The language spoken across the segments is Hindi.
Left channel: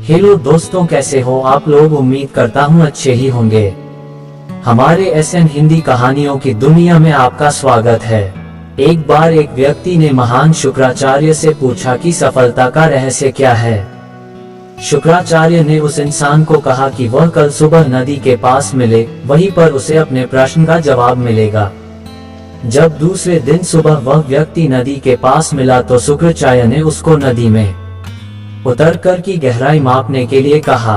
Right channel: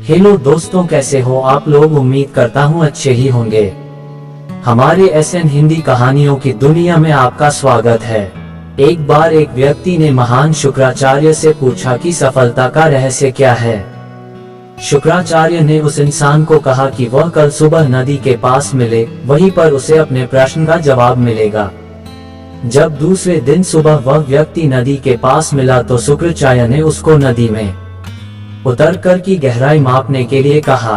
हेलो दोस्तों, कैसे हो आप लोग। उम्मीद करता हूँ अच्छे ही होंगे। हमारे SN हिंदी कहानियों की दुनिया में आपका स्वागत है। एक बार एक व्यक्ति ने महान शुक्राचार्य से पूछा कि सफलता का रहस्य क्या है। शुक्राचार्य ने उस इंसान को कहा कि वह कल सुबह नदी के पास मिले, वहीं पर उसे अपने प्रश्न का जवाब मिलेगा। जब दूसरे दिन सुबह वह व्यक्ति नदी के पास मिला तो शुक्राचार्य ने उसको नदी में उतरकर की गहराई मापने के लिए कहा।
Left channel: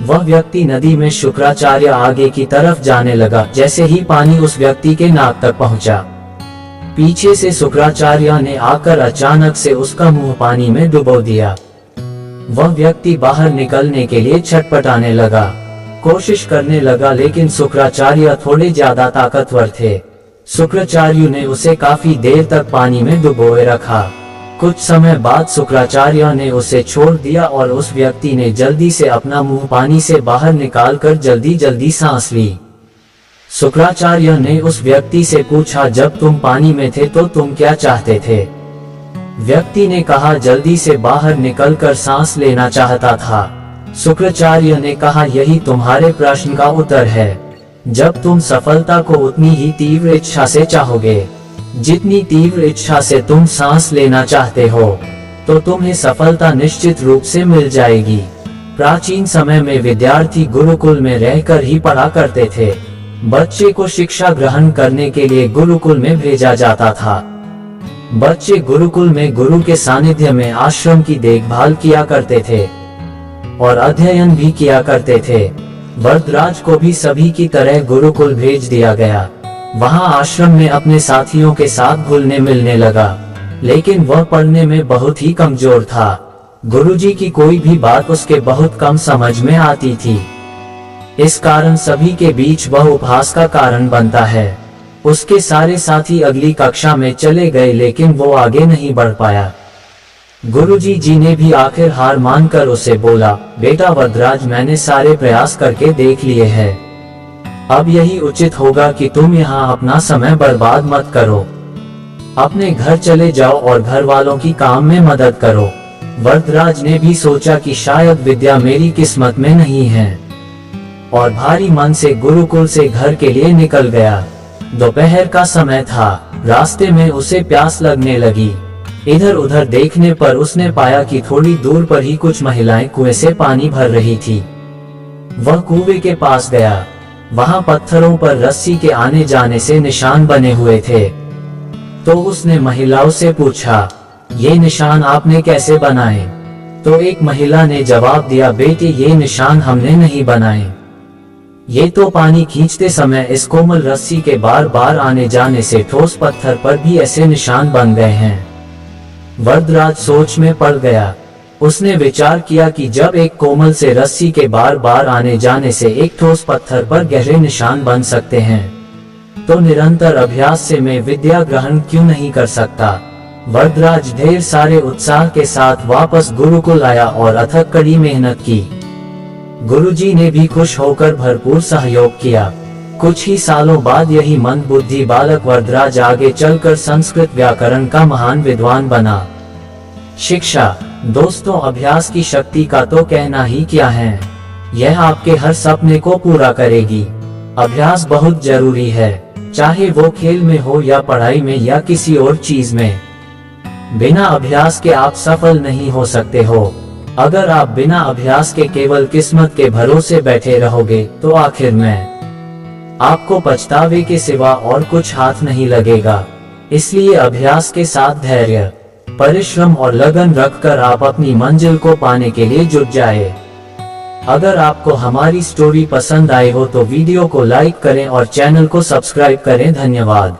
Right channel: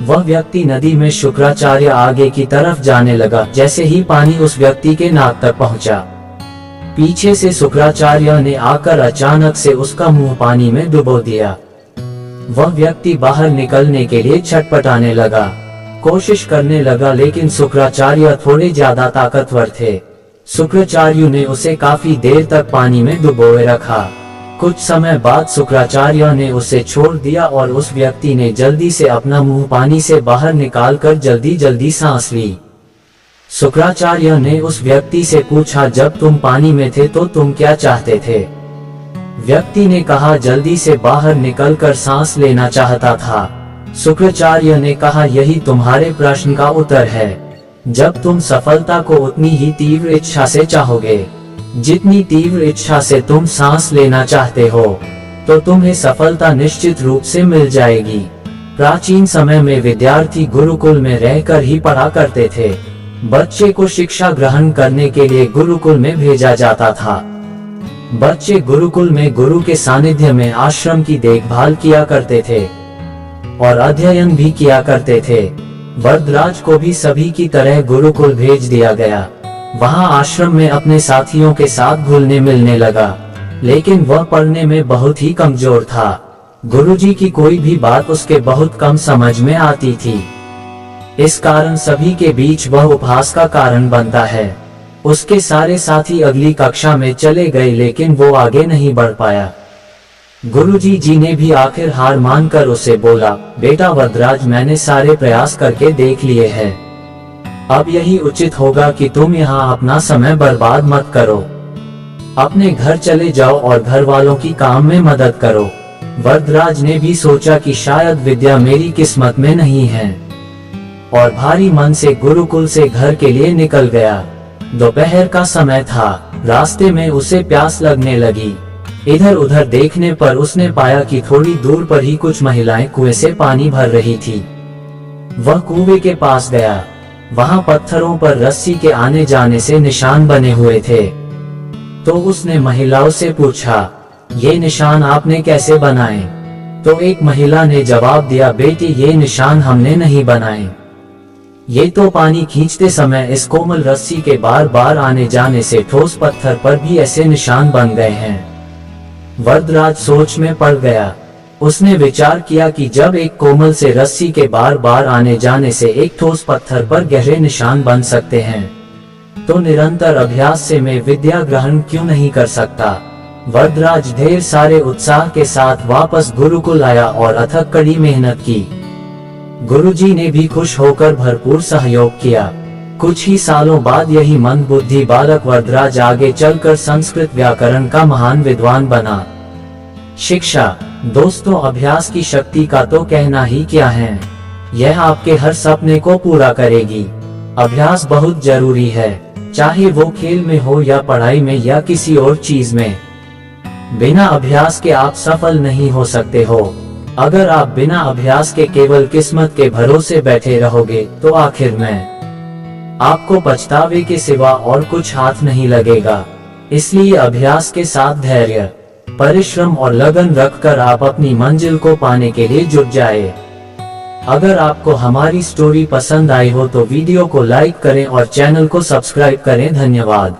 वह व्यक्ति नदी में शुक्राचार्य आगे की तरफ जाने लगा। जैसे ही पानी उस व्यक्ति के नाक तक पहुंचा, पीछे से शुक्राचार्य ने आकर अचानक से उसका मुंह पानी में डुबो दिया। वह व्यक्ति बाहर निकलने के लिए छटपटाने लगा, कोशिश करने लगा, लेकिन शुक्राचार्य थोड़े ज्यादा ताकतवर थे। शुक्राचार्य ने उसे काफी देर तक पानी में डुबोए रखा। कुछ समय बाद शुक्राचार्य ने उसे छोड़ दिया और उस व्यक्ति ने जल्दी से अपना मुंह पानी से बाहर निकालकर जल्दी जल्दी सांस ली। शुक्राचार्य ने उस व्यक्ति से पूछा, जब तुम पानी में थे तो तुम क्या चाहते थे। व्यक्ति ने कहा, जल्दी से बाहर निकलकर सांस लेना चाहता था। शुक्राचार्य ने कहा, यही तुम्हारे प्रश्न का उत्तर है। जब तुम सफलता को उतनी ही तीव्र इच्छा से चाहोगे जितनी तीव्र इच्छा से तुम सांस लेना चाहते हो, तो तुम्हें सफलता निश्चित रूप से मिल जाएगी। प्राचीन समय में विद्यार्थी गुरुकुल में रहकर ही पढ़ा करते थे। बच्चे को शिक्षा ग्रहण करने के लिए गुरुकुल में भेजा जाता था। बच्चे गुरुकुल में गुरु के सानिध्य में आश्रम की देखभाल किया करते थे और अध्ययन भी किया करते थे। वरदराज को भी सभी की तरह गुरुकुल भेज दिया गया। वहां आश्रम में अपने साथियों के साथ घुलने मिलने लगा, लेकिन वह पढ़ने में बहुत ही कमजोर था। गुरुजी की कोई भी बात उसके बहुत कम समझ में आती थी। इस कारण सभी के बीच वह उपहास का कारण बनता है। उसके सारे साथी अगली कक्षा में चले गए, लेकिन वो आगे नहीं बढ़ पाया। गुरुजी ने भी आखिर हार मानकर उसे बोला, बेटा वरदराज, मैंने सारे प्रयास करके देख लिए हैं। अब यही उचित होगा कि तुम यहाँ अपना समय बर्बाद मत करो। अपने घर चले जाओ और घर वालों की काम में मदद करो। वरदराज ने भी सोचा कि शायद विद्या मेरी किस्मत में नहीं है और भारी मन से गुरुकुल से घर के लिए निकल गया। दोपहर का समय था। रास्ते में उसे प्यास लगने लगी। इधर उधर देखने पर उसने पाया कि थोड़ी दूर पर ही कुछ महिलाएं कुएं से पानी भर रही थी। वह कुएं के पास गया। वहां पत्थरों पर रस्सी के आने जाने से निशान बने हुए थे। तो उसने महिलाओं से पूछा, ये निशान आपने कैसे बनाए। तो एक महिला ने जवाब दिया, बेटे ये निशान हमने नहीं बनाए, ये तो पानी खींचते समय इस कोमल रस्सी के बार बार आने जाने से ठोस पत्थर पर भी ऐसे निशान बन गए हैं। वरदराज सोच में पड़ गया। उसने विचार किया कि जब एक कोमल से रस्सी के बार बार आने जाने से एक ठोस पत्थर पर गहरे निशान बन सकते हैं, तो निरंतर अभ्यास से मैं विद्या ग्रहण क्यों नहीं कर सकता। वरदराज ढेर सारे उत्साह के साथ वापस गुरुकुल आया और अथक कड़ी मेहनत की। गुरुजी ने भी खुश होकर भरपूर सहयोग किया। कुछ ही सालों बाद यही मंदबुद्धि बालक वरदराज आगे चलकर संस्कृत व्याकरण का महान विद्वान बना। शिक्षा दोस्तों, अभ्यास की शक्ति का तो कहना ही क्या है। यह आपके हर सपने को पूरा करेगी। अभ्यास बहुत जरूरी है, चाहे वो खेल में हो या पढ़ाई में या किसी और चीज में। बिना अभ्यास के आप सफल नहीं हो सकते हो। अगर आप बिना अभ्यास के केवल किस्मत के भरोसे बैठे रहोगे तो आखिर में आपको पछतावे के सिवा और कुछ हाथ नहीं लगेगा। इसलिए अभ्यास के साथ धैर्य, परिश्रम और लगन रखकर आप अपनी मंजिल को पाने के लिए जुट जाए। अगर आपको हमारी स्टोरी पसंद आई हो तो वीडियो को लाइक करें और चैनल को सब्सक्राइब करें। धन्यवाद।